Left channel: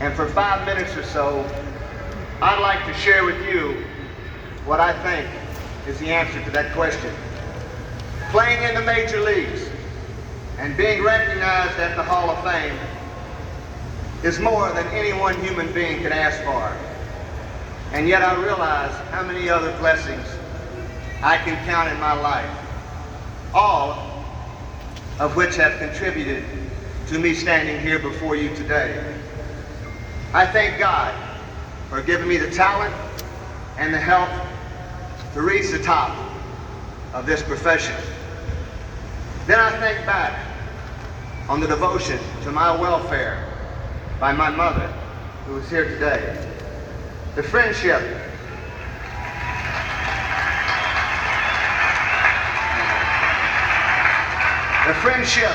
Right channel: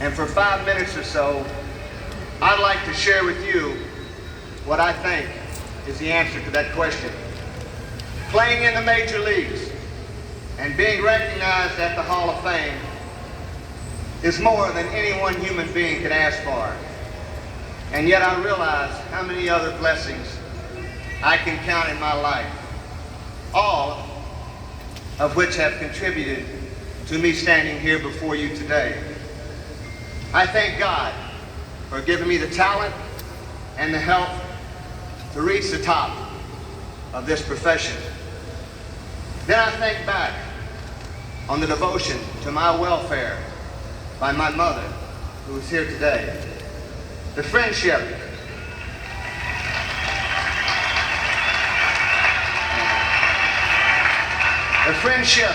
And for 5 minutes or so, I'd like to share with you what I think is the answer to that question. Playing in the major leagues and being recognized at the Hall of Fame is more than any one human being could ask for. And yet I realize how many other blessings I can count in my life, all of which have contributed to me standing here before you today. I thank God for giving me the talent and the help to reach the top of this profession. Then I think back on the devotion to my welfare by my mother, who is here today. The friendship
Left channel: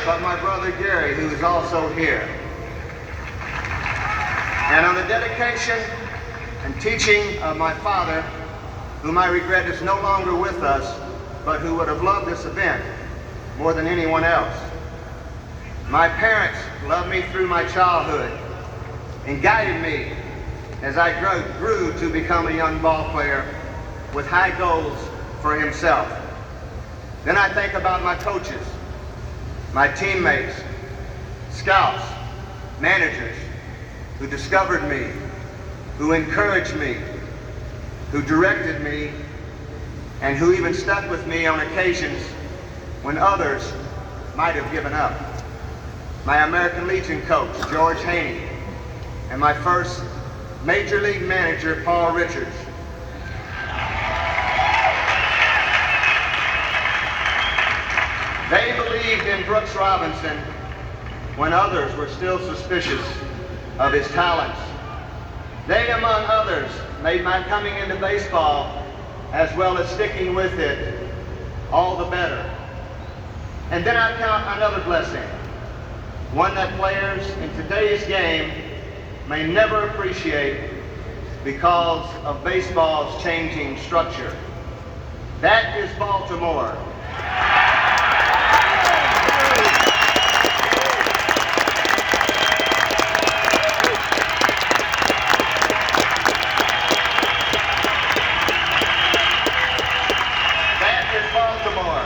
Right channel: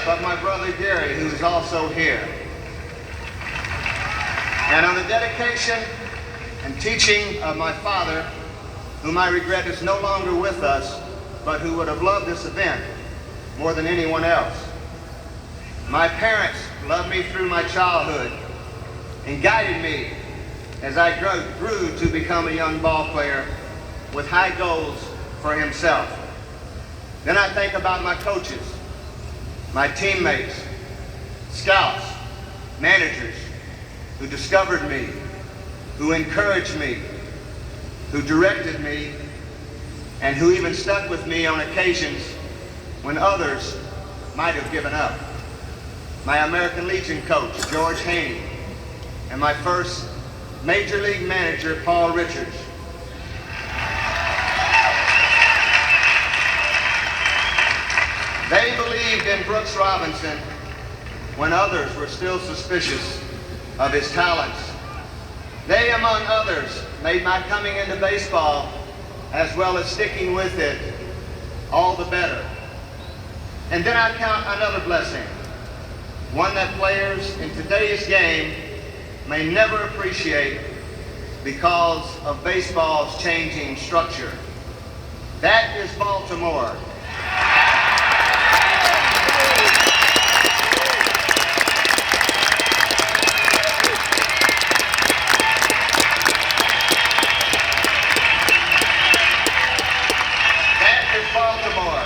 of my brother Gary, who is also here. And on the dedication and teaching of my father, whom I regret is no longer with us, but who would have loved this event more than anyone else. My parents loved me through my childhood and guided me as I grew to become a young ball player with high goals for himself. Then I think about my coaches, my teammates, scouts, managers who discovered me, who encouraged me, who directed me, and who even stuck with me on occasions when others might have given up. My American Legion coach, George Haney, and my first Major League manager, Paul Richards. They believed in Brooks Robinson when others were still suspicious of his talents. They, among others, made my coming into baseball, as well as sticking with it, all the better. And then I count another blessing, one that players in today's game may never appreciate because of baseball's changing structure. That is Baltimore. That is Baltimore.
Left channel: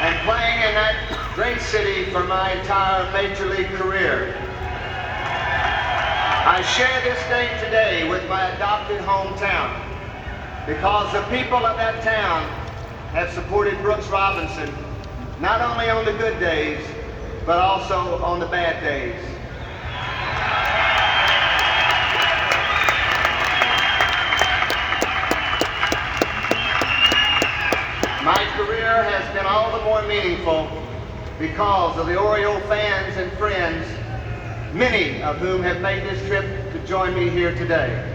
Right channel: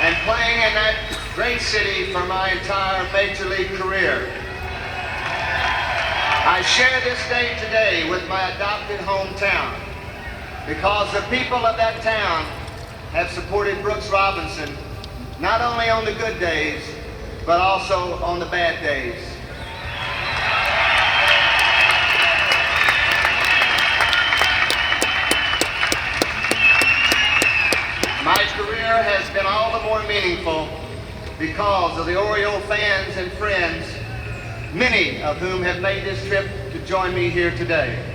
And playing in that great city for my entire Major League career. I share this day today with my adopted hometown because the people of that town have supported Brooks Robinson not only on the good days, but also on the bad days. My career has been all the more meaningful because of the Oriole fans and friends, many of whom have made this trip to join me here today.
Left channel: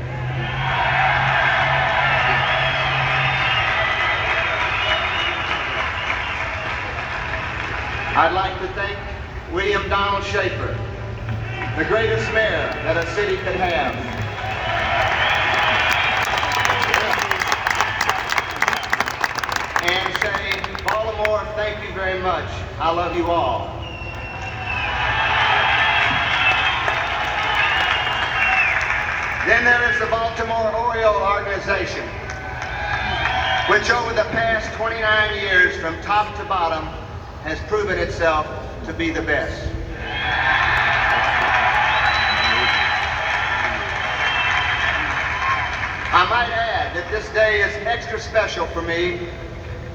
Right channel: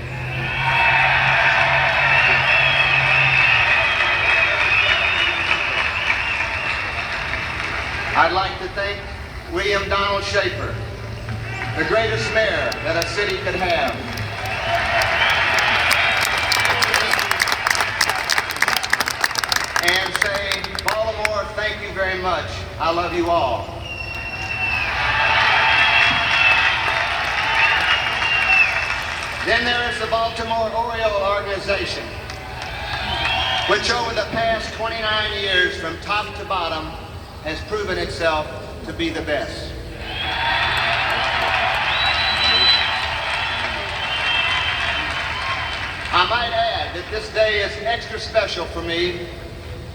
I'd like to thank William Donald Schaefer, the greatest mayor that a city could have. And say, Baltimore, thank you very much. I love you all. Then there is the Baltimore Oriole organization, which over the past 29 years, from top to bottom, has proven itself to be the best. I might add that this day is extra special for me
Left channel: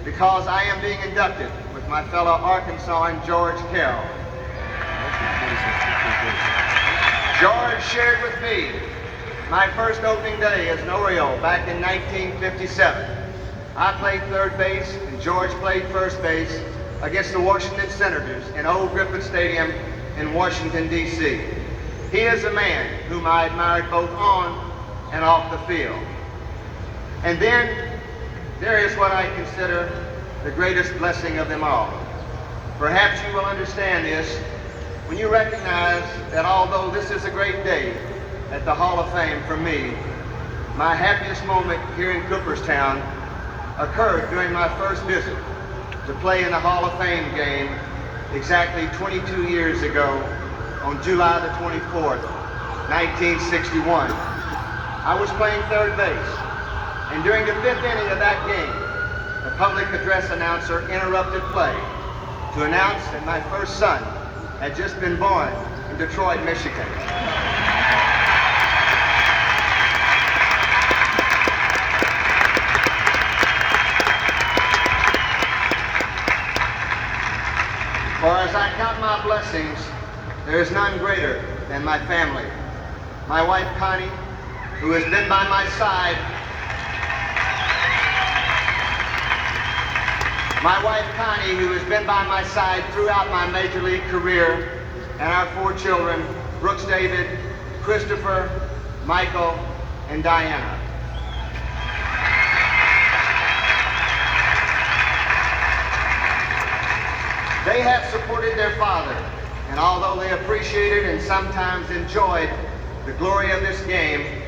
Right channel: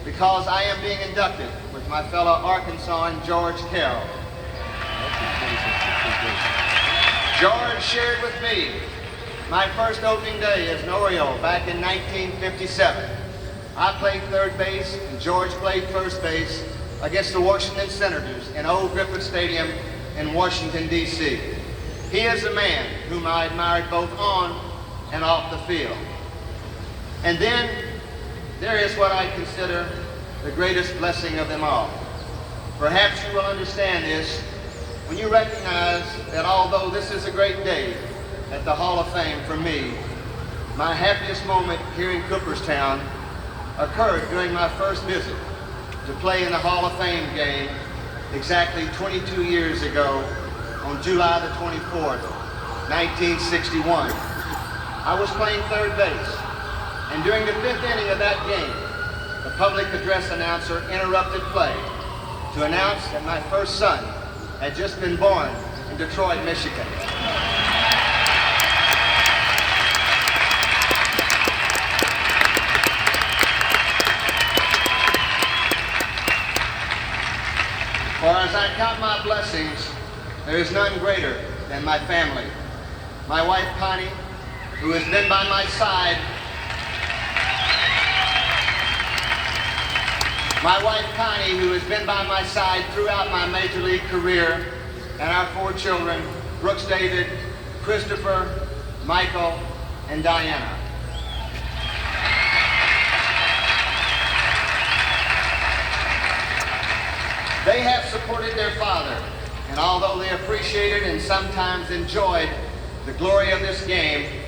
because I am being inducted with my fellow Arkansan George Carroll. George shared with me my first opening day as an Oriole back in 1957. I played third base and George played first base against the Washington Senators in Old Griffith Stadium in Washington, D.C. He is a man whom I admired both on and off the field. And then there is what I consider the greatest blessing of them all. Perhaps you will understand this when you recognize that although this is a great day at the Hall of Fame for me, my happiest moment here in Cooperstown occurred during my first visit to play in the Hall of Fame game exactly 22 years ago on July the 24th, 1961. I was playing third base, and during the 5th inning of that game, the public address announcer interrupted play to announce that my first son had just been born in Detroit, Michigan. For as I count my blessings, there is none greater than my family. My wife, Connie, who has been by my side. My wife, Connie, who has been by my side throughout my Major League career, and our 4 children, Brooks David, Christopher, Michael, and Diana. They have supported their father, and although they appreciated and sometimes enjoyed the glory of this game,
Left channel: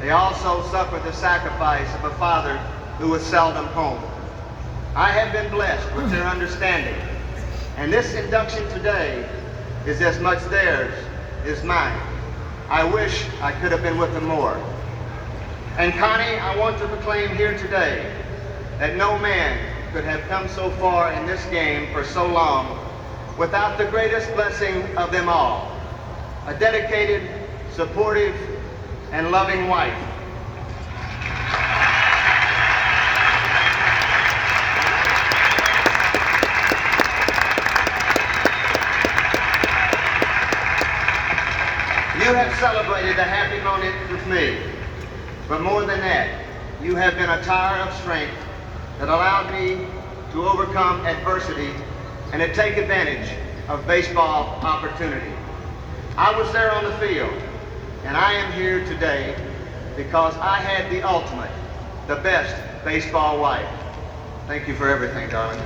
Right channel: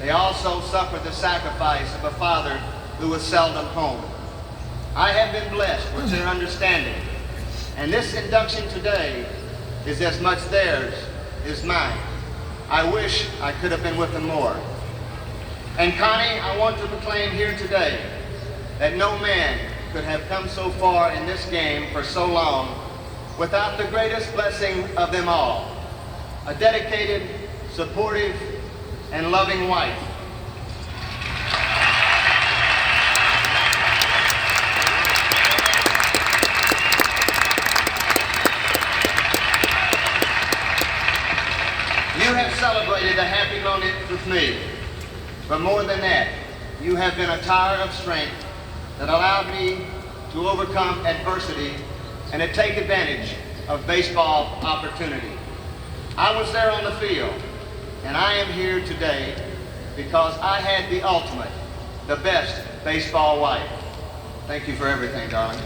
they also suffered the sacrifice of a father who was seldom home. I have been blessed with their understanding, and this induction today is as much theirs as mine. I wish I could have been with them more. And Connie, I want to proclaim here today that no man could have come so far in this game for so long without the greatest blessing of them all, a dedicated, supportive, and loving wife. You have celebrated a happy moment with me, but more than that, you have been a tower of strength that allowed me to overcome adversity and to take advantage of baseball opportunity. I was there on the field, and I am here today because I had the ultimate, the best baseball wife. Thank you for everything, darling.